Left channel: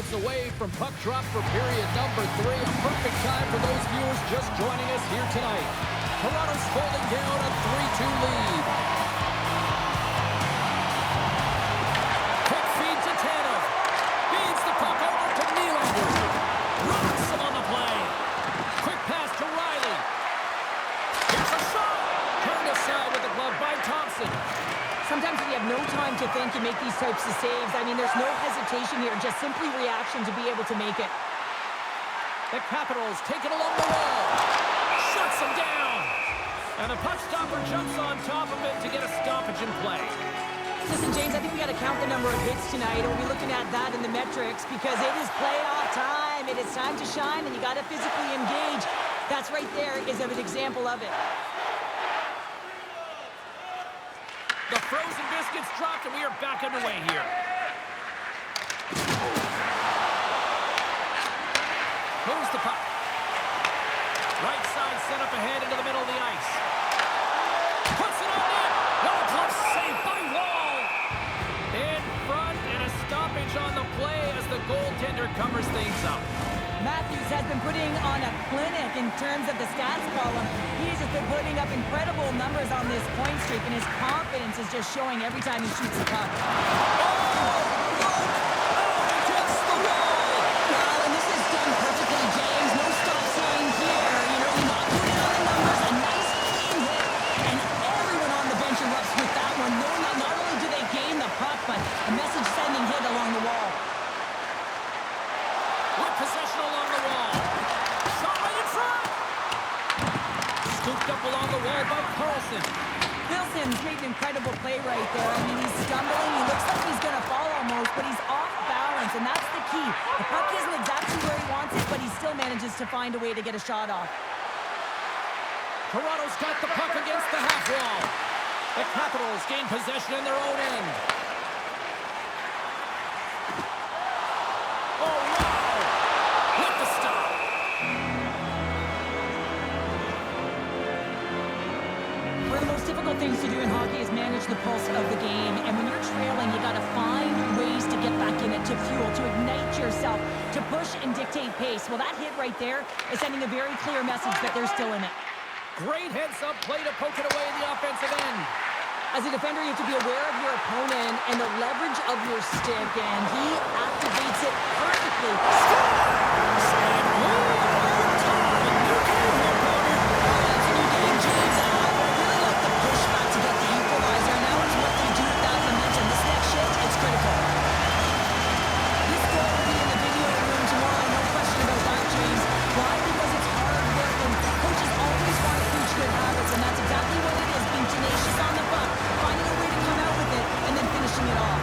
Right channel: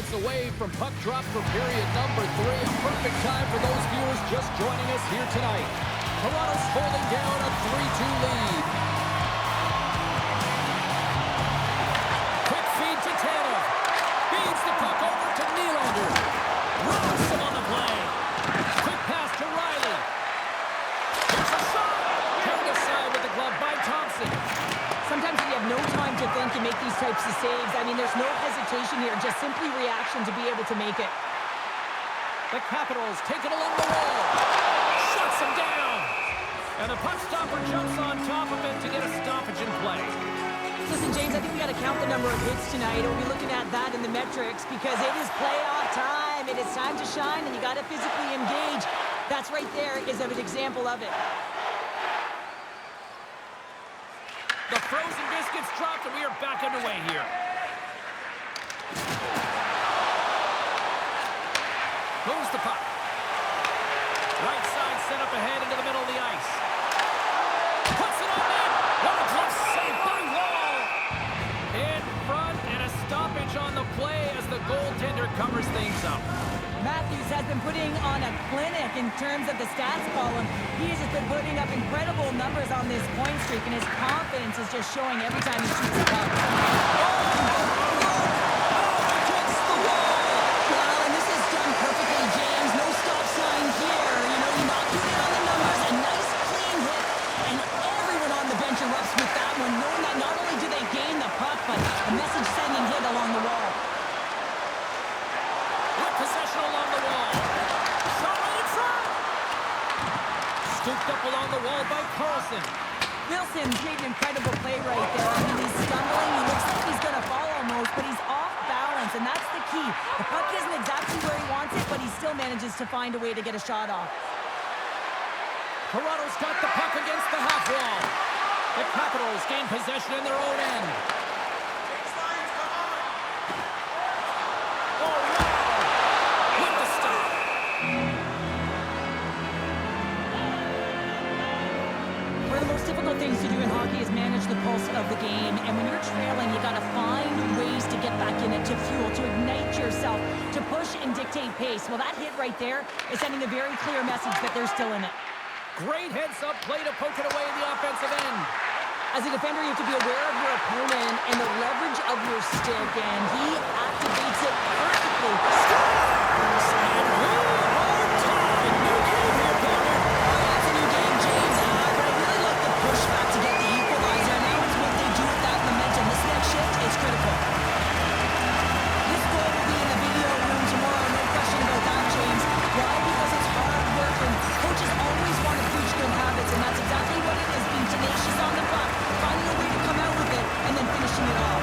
moments away from puck drop for period number 3. A perfect time for those viewers just joining us here tonight. Toronto's holding down a 3-2 lead. Quick feed to Tanev. Feeds the puck over to Nylander. Rocks him on the play. Quick pass to Riley. Here's a shot. Turned aside with the glove by Thompson. Sometimes when you have no time to think and make these types of saves, I mean, there's no hesitation here, just simply reaction to be able to make it. The Capitals take it along the wall. Shuts him down. And the puck stopper jumps on top of it to get a stoppage in play. Listen, James, I think we got to count the number of hits tonight. We'll be looking at that in the metrics because it is playoff time. It is time to shine, and you got to physically engage. That's right there is an example of it. The frozen biscuits dropped, and we are back underway here. Moves the puck. Right side set up ahead into the middle of the ice. Puts it on net. What a glove save by Wall. In front, and a stoppage on the play as the goaltender covers things up. Matthews has been putting on a clinic in terms of the stats column. He's just been putting up incredible numbers on this point streak, and his confidence is just showing every time he shoots the puck. Against the wall! Well, and this is done perfectly, James. No stop sign here. You know, you knocked it in on the numbers. A nice, clean hit, and everyone on the bench erupts with that one, knowing that not only do they gain the puck, but a message-sending hit along the wall. With possession along the wall. Shot right in front. Scooped up along the wall by Carlson. Wilson's made an incredible play right there. I mean, he's stumbling. He looks like he's going to fall almost, but he's off balance, and that's the key. The puck isn't exactly where he wants it, but he still manages to find a way to get a shot off. Toronto's got the puck against the half wall. The Capitals gain possession in their own end. Oh, wow! With the stop. One of the most difficult things to do in hockey is manage the pulse of the game. And when you're trailing, you got to find ways to get back in it, to fuel, to ignite yourself, to push and dictate pace. Well, that hit right there is sending a very clear message that they're still in it. Great heads-up play to poke it away in the offensive end. As a defender, you have to be aware of your opponent and the leverage of your stick, and he activates it perfectly. Scores! And we are tied. New game here, partner. Oh, yeah, it's a new game, James. But I really like the pushback to get the equalizer. Now it's what they do with that momentum. This next shift, it's critical. This goal will be in the video room tomorrow, no question about that, James. Why? Because it's hard work, and coaches always want to preach good habits, and that's exactly what it is, being tenacious on the puck, finding a way to come out with it, and then finishing it off.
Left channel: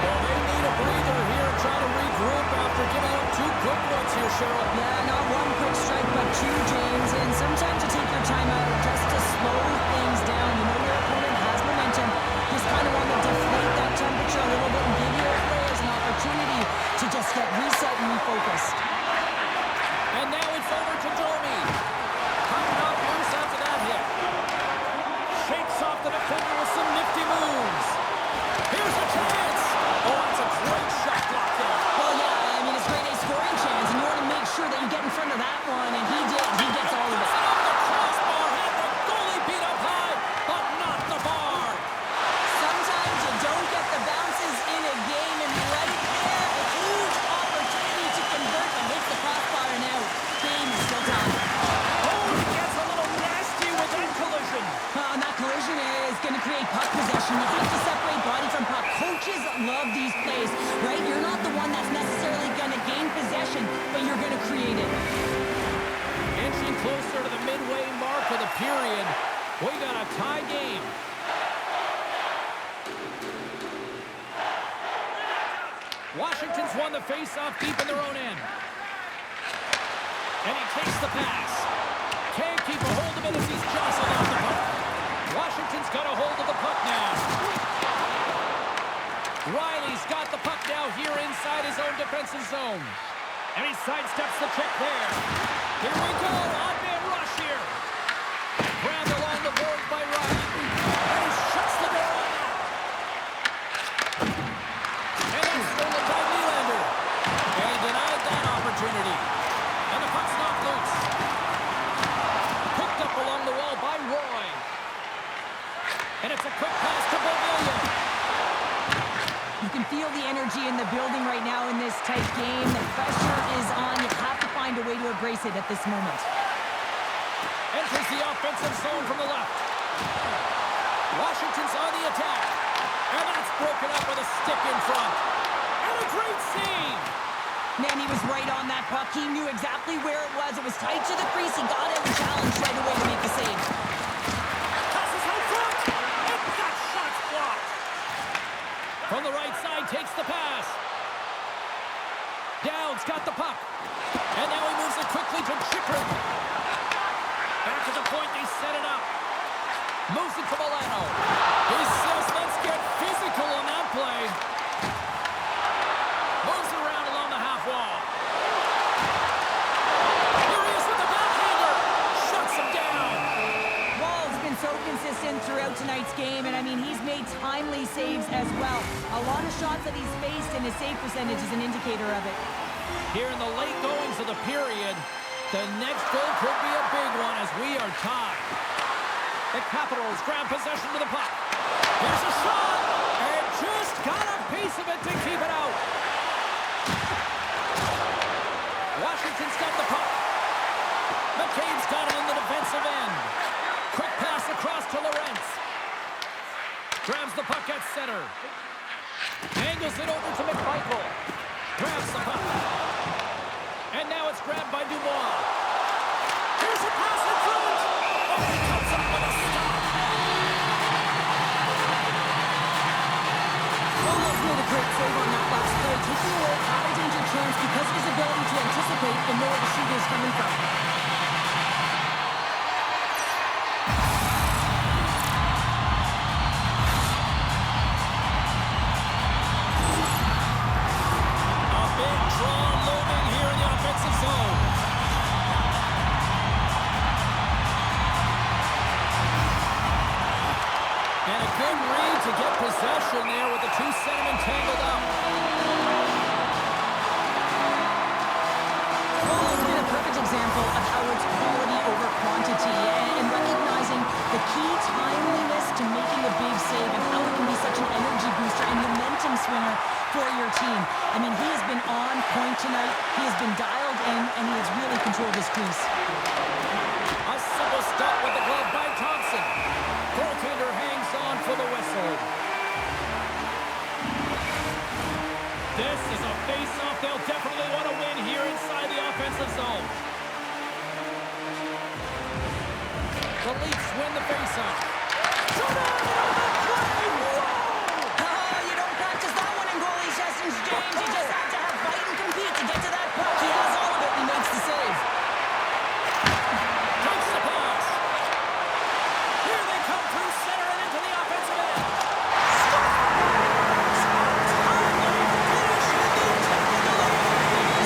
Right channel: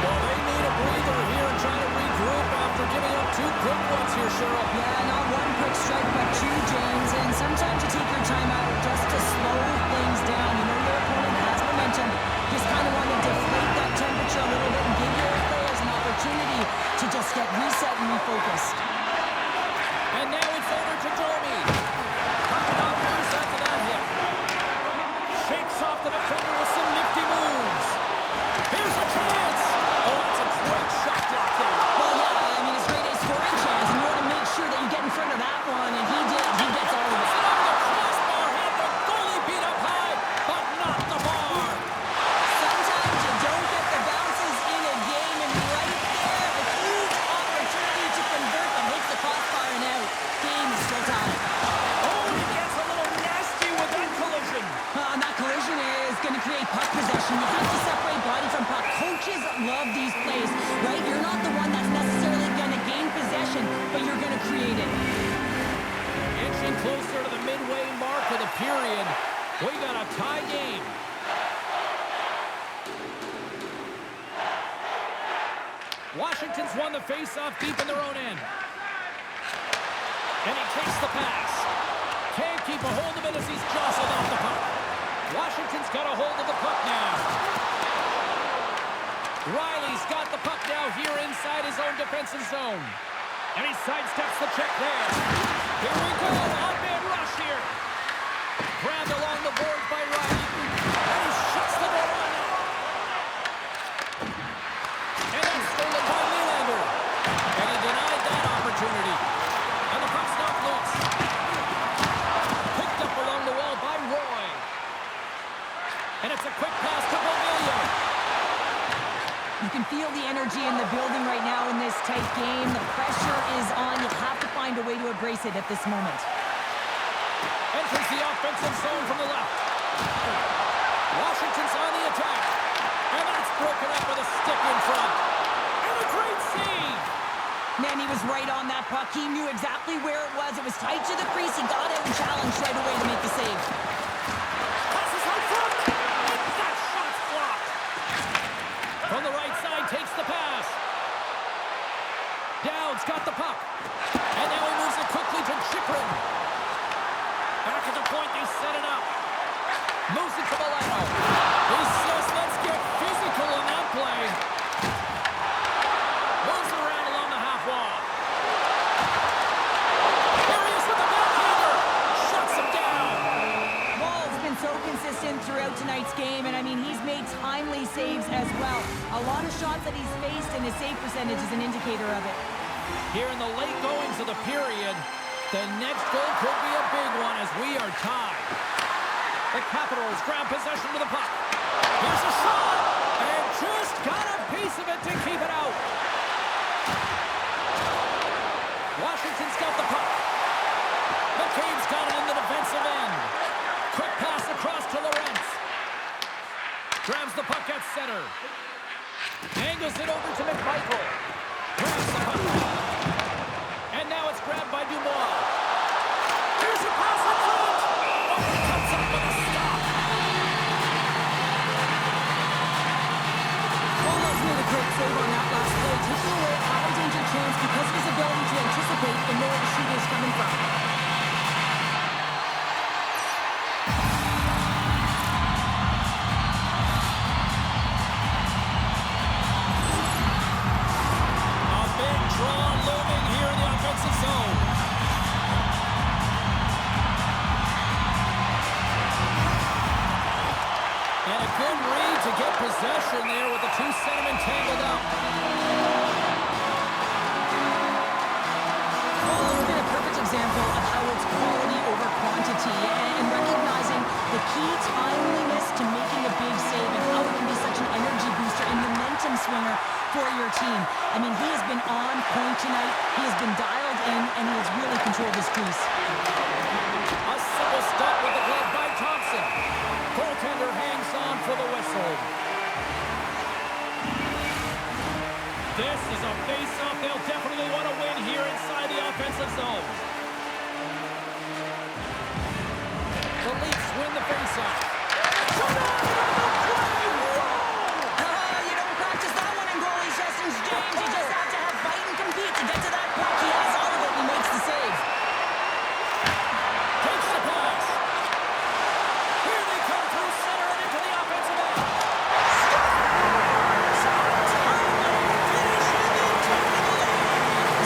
Well, they need a breather here and try to regroup after giving up 2 quick ones here, Cheryl. Yeah, not one quick strike, but 2, James, and sometimes you take your time out just to slow things down. You know your opponent has momentum. Just kind of want to deflate that temperature a little bit and give your players an opportunity to just get reset and refocused. And now it's over to Domi. Coming off loose after that hit. Shakes off the defender with some nifty moves. Here's a chance. Oh, that's a great shot block there. Well, yeah, I mean, it's grade A scoring chance, and you want to make sure that you get in front of that one, and he did. He gets all of it. Off the crossbar, had the goalie beat up high, but not the bar. Sometimes you don't get the bounces in a game, and right there, a huge opportunity to convert, but hits the crossbar and out. Game is still tied. Oh, he gets a little nasty with that collision. And that collision is going to create puck possession. You have to separate body from puck. Coaches love these plays, right? You're not the one that's necessarily going to gain possession, but you're going to create it. Inching closer to the midway mark of the period. We got a tie game. Washington's won the face-off deep in their own end. And he takes the pass. Can't keep a hold of it as he's jostled off the puck. Washington's got a hold of the puck now. Riley's got the puck now here inside his own defensive zone. And he sidesteps the check there. Here we go. Odd man rush here. Grabbed along the boards by Riley. That's stolen by Nylander. And he denied that opportunity. And the puck's knocked loose. Picked up along the wall by Roy. And it's a quick pass to Beauvillier. You can feel the energy in the building right now in this tight game. The pressure is on. You have to find a way to embrace it at this moment. Enters the offensive zone from the left. Washington's on the attack. And that's broken up with a stick in front. And a great save. Man, he was right on that puck. He knew exactly where it was. It was tight to the crease. He got out and challenged right away to make the save. Passes out front. And that shot's blocked. From the right side, takes the pass. Dowd's got the puck. And now he moves it quickly to Chychrun. Back at the point, they set it up. Moves it to Milano. He says, let's get physical on that play. Moves it around along the half wall. Here he is with the backhander. Shuts him down. Wall's been so consistent throughout tonight's game, and I mean, he's made timely saves as well. A lot of shots that he's faced, and his save percentage is an indicator of it. Here in the late goings of the period, the next goal could be a big one as we are tied. The Capitals grab possession to the puck. Here's a shot, and just got a piece of it to keep it out. Washington's got the puck. McCabe's got it in the defensive end. Quick pass across to Lorentz. Grabs the puck at center. Angles it over to McMichael. Grabs the puck. And now it's grabbed by Dubois. Here's a pass in front. Oh, he comes up with a stop. Wall's made a great save on that last play, taking away a high-danger chance because of his ability to anticipate and know where the shoot is coming from. A big draw looming here in the offensive zone. And a good read to get possession there with the two centermen tangled up. Wall's been a perfect example of how it's quality over quantity and recognizing the key timeliness to making a big save and how it can be such an energy booster and momentum swinger for your team. I mean, he has been on point tonight. He has been dialed in, and he has really controlled his crease. A simple stop with the glove by Thompson. Goaltender hangs on for the whistle. This is a face-off they'll definitely want to win here inside the offensive zone. The Leafs win the face-off. Shot on the play! Whoa! You don't practice that one in goalie sessions, James. You just have to have fight and compete to get to that puck. He has all of it, and he makes the save. Takes the pass. Here they come through center and into the offensive end. Scores! A timely finish in the technical lead.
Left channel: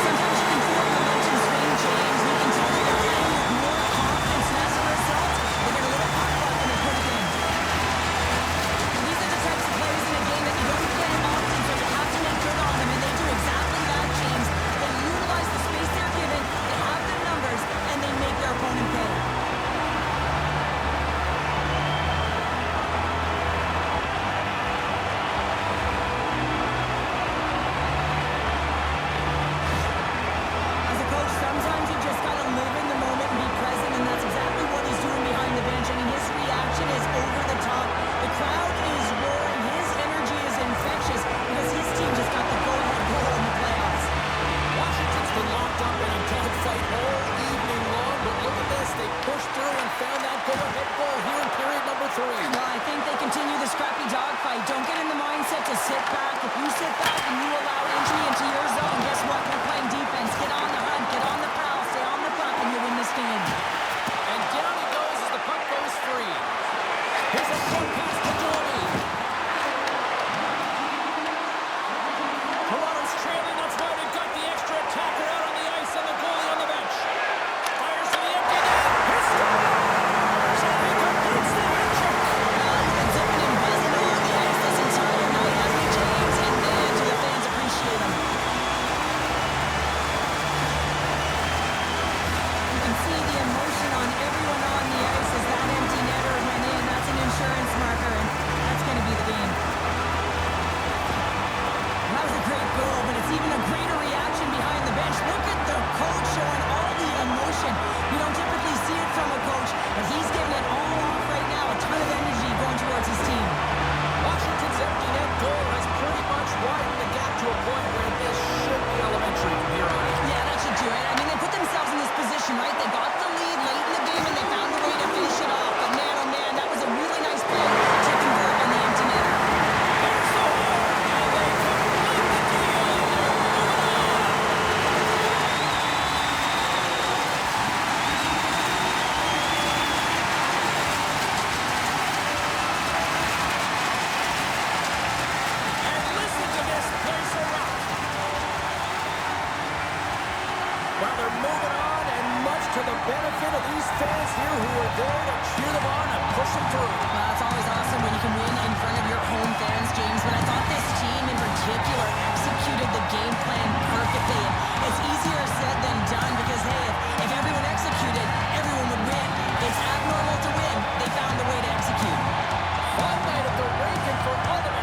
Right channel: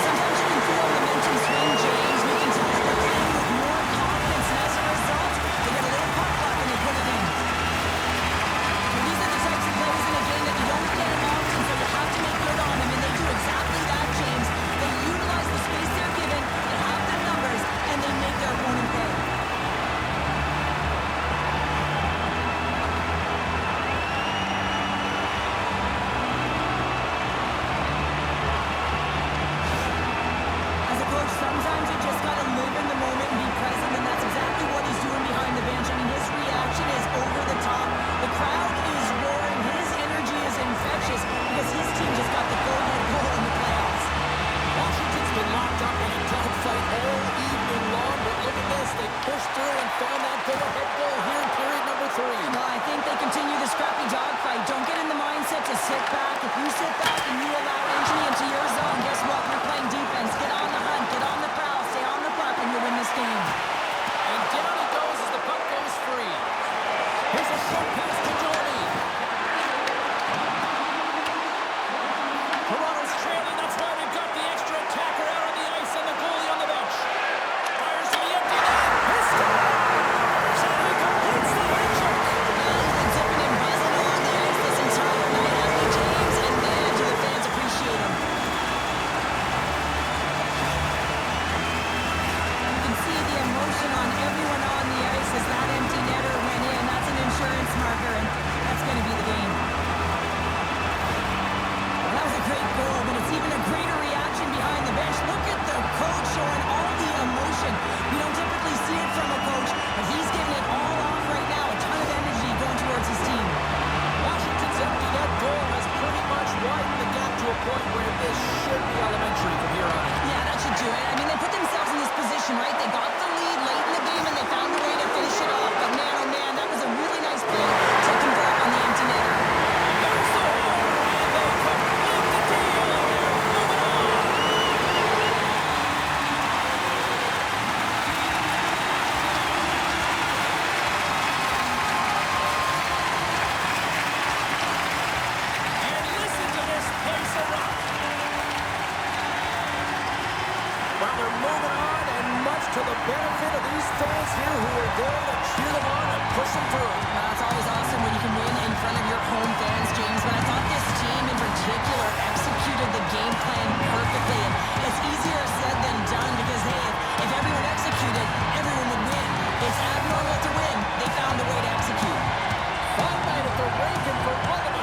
Sometimes you can feel momentum swing, James. You can tell that they're playing with more confidence, and as a result, they get a little puck luck and they put it in. And these are the types of plays in a game that you don't get often, so you have to make good on them, and they do exactly that, James. They utilize the space they're given, they have the numbers, and they make their opponent pay. As a coach, sometimes you just gotta live in the moment and be present, and that's exactly what he's doing behind the bench. I mean, his reaction is over the top. The crowd is roaring. His energy is infectious because his team just got the go-ahead goal in the playoffs. Washington's been locked up in a dogfight all evening long, but look at this. They pushed through and found that go-ahead goal here in period number 3. Well, I think they continue the scrappy dogfight. Don't get in the mindset to sit back. If you sit back and you allow injury into your zone, guess what? You're playing defense. Get on the hunt, get on the prowl, stay on the puck, and you'll win this game. And down he goes as the puck goes free. Here's a short pass to Domi. Toronto's trailing. That's why they've got the extra attacker out on the ice and the goalie on the bench. Fires to the empty net. He scores! And he completes the hat trick. Well, he's been zipping and buzzing along the ice this entire night, hasn't he, James? And man, do the fans appreciate great goal, but it's even a greater reaction behind the bench. Look at the coach showing all the emotion. We don't typically see it from a coach, but he's giving it all off right now. A ton of energy going towards his team. Washington's empty net goal has pretty much widened the gap to a point where this should be elementary from here on in. Yeah, that should do it. I mean, they put themselves in this position, right? They got the lead late in the game, and they found a way to finish it off. But man, oh man, that was a really nice play to convert on the empty netter. There's the horn, and they complete the deal, and they're moving on. And listen to this place erupt. Well, they're moving on, and much to the benefit of these fans here who are there to cheer them on and push them through. Well, it's always awesome when you can win in front of your home fans, James, but I thought this team in particular executed the game plan perfectly, and it's easier said than done because, hey, if everyone executed, everyone would win. It's abnormal to win. They found a way to execute. Fun night at the rink, and for all of